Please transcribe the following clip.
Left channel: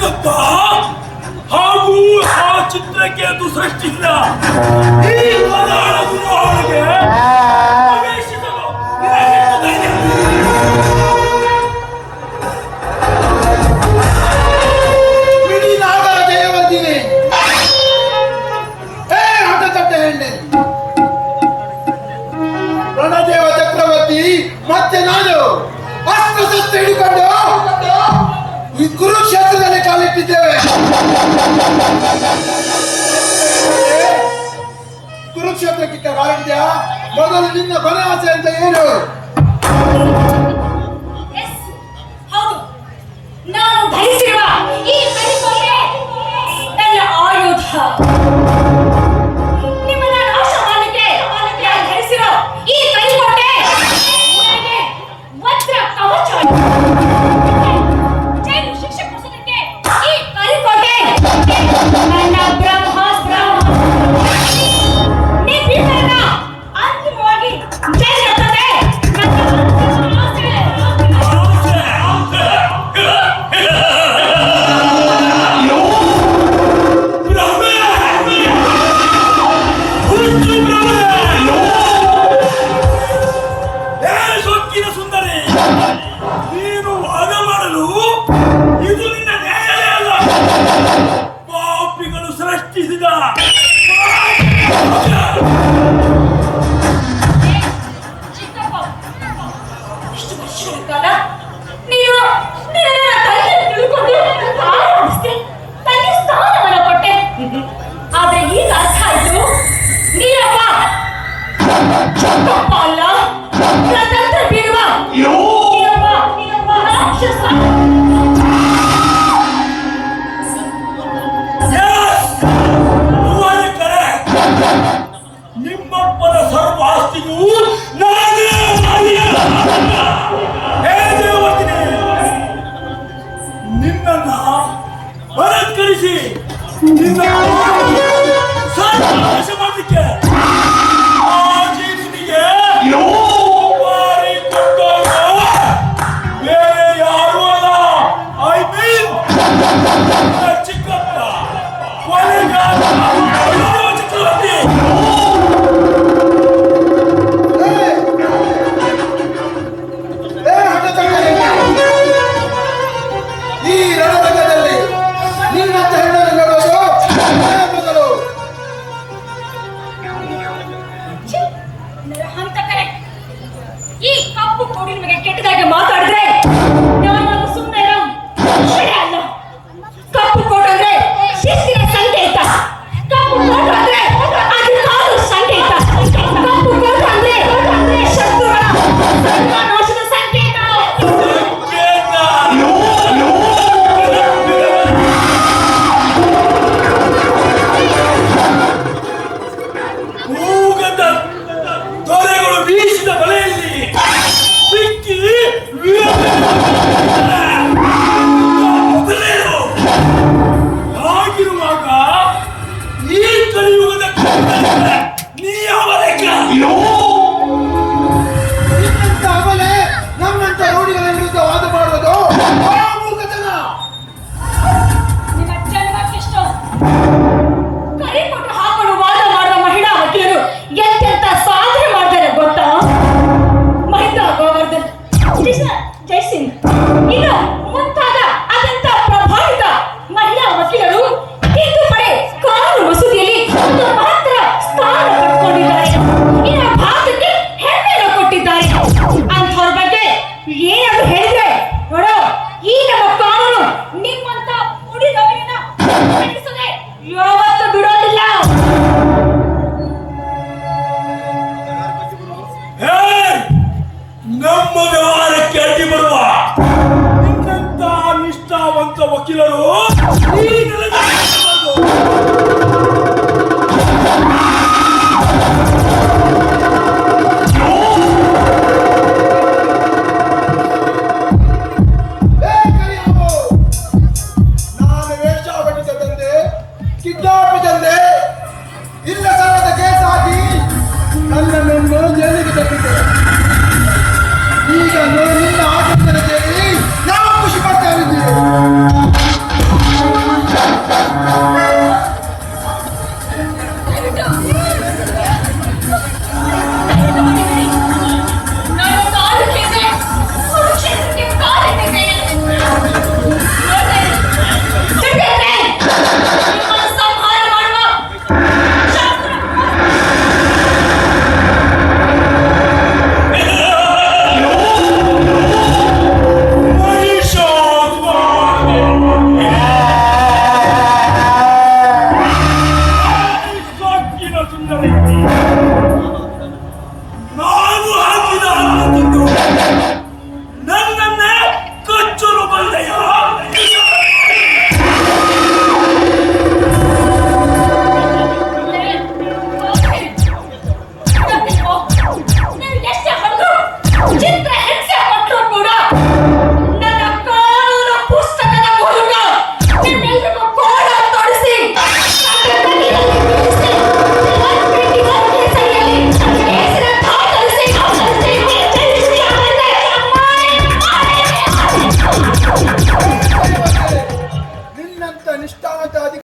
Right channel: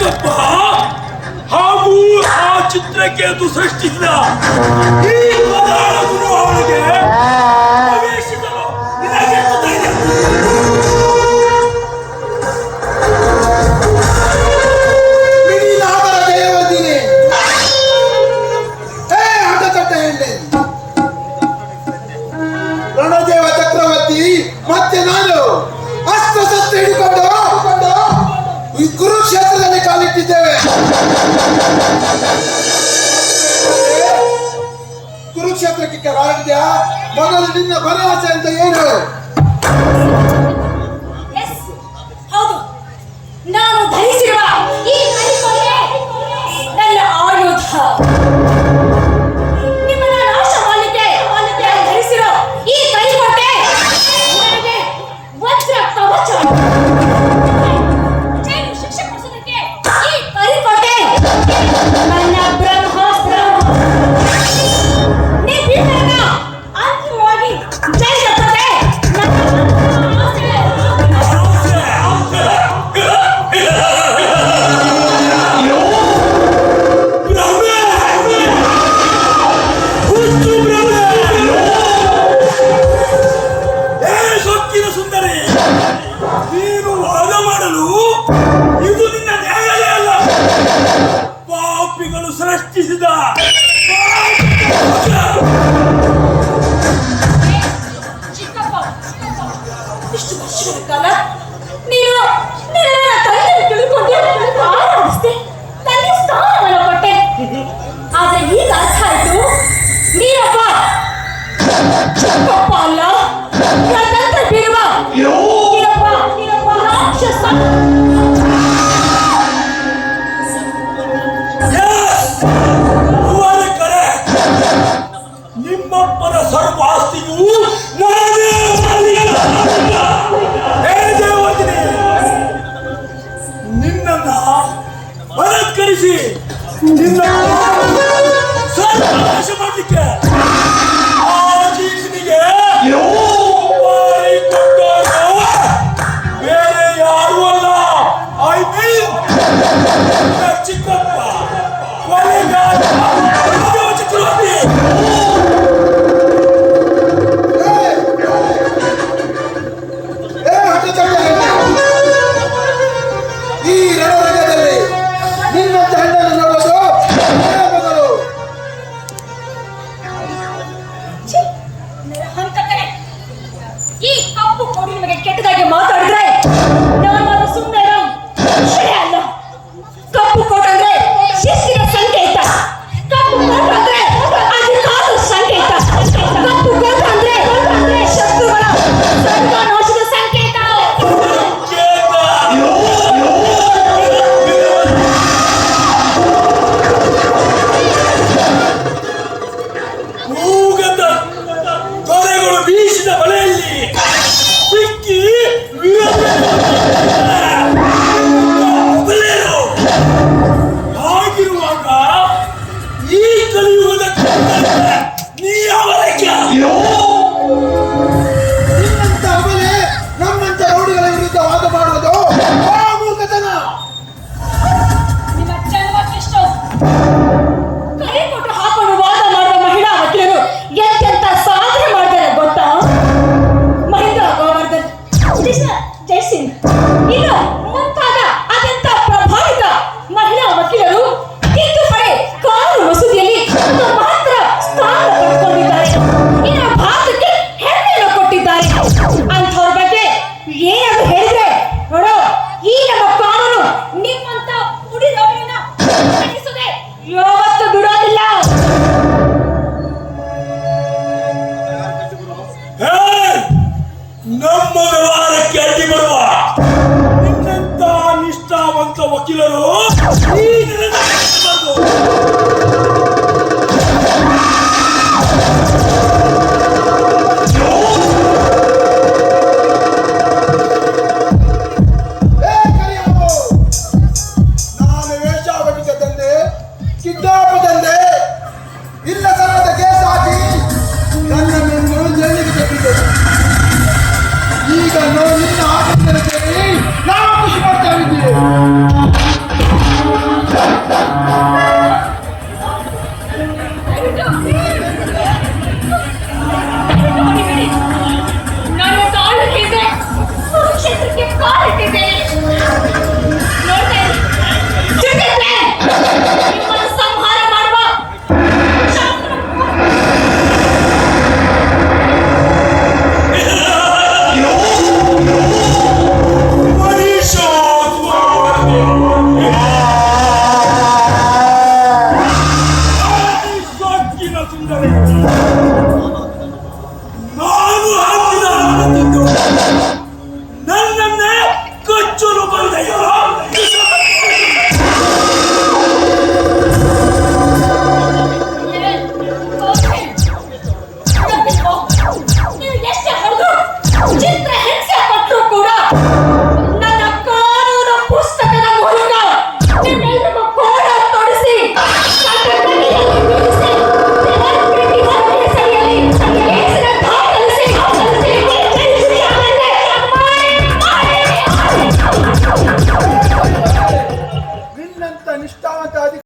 ಸಂಕಲ್ಪ ಹಾಗೂ ಆ ಚಿತ್ರಕ್ಕೆ ಅದು ಸೃಷ್ಟಿಸಿದ ಈ ಪದಾರ್ಥ ಇದ್ದೇವೆ. ಕುರುಕ್ಷೇತ್ರಕ್ಕೆ ಕಾರಣ ಮೊದಲು ನಿನ್ನ ಭರವಸೆ ಅಂತ ಏನು 地だ一目白いかな。Oh. ವ್ಯವಹಾರಕ್ಕೆ ಅಡ್ಡಿ ಬರುವ ನಿನ್ನಂತ ನಿಷ್ಠಾವಂತ ವಕೀಲರು ಈ 你敢跟我？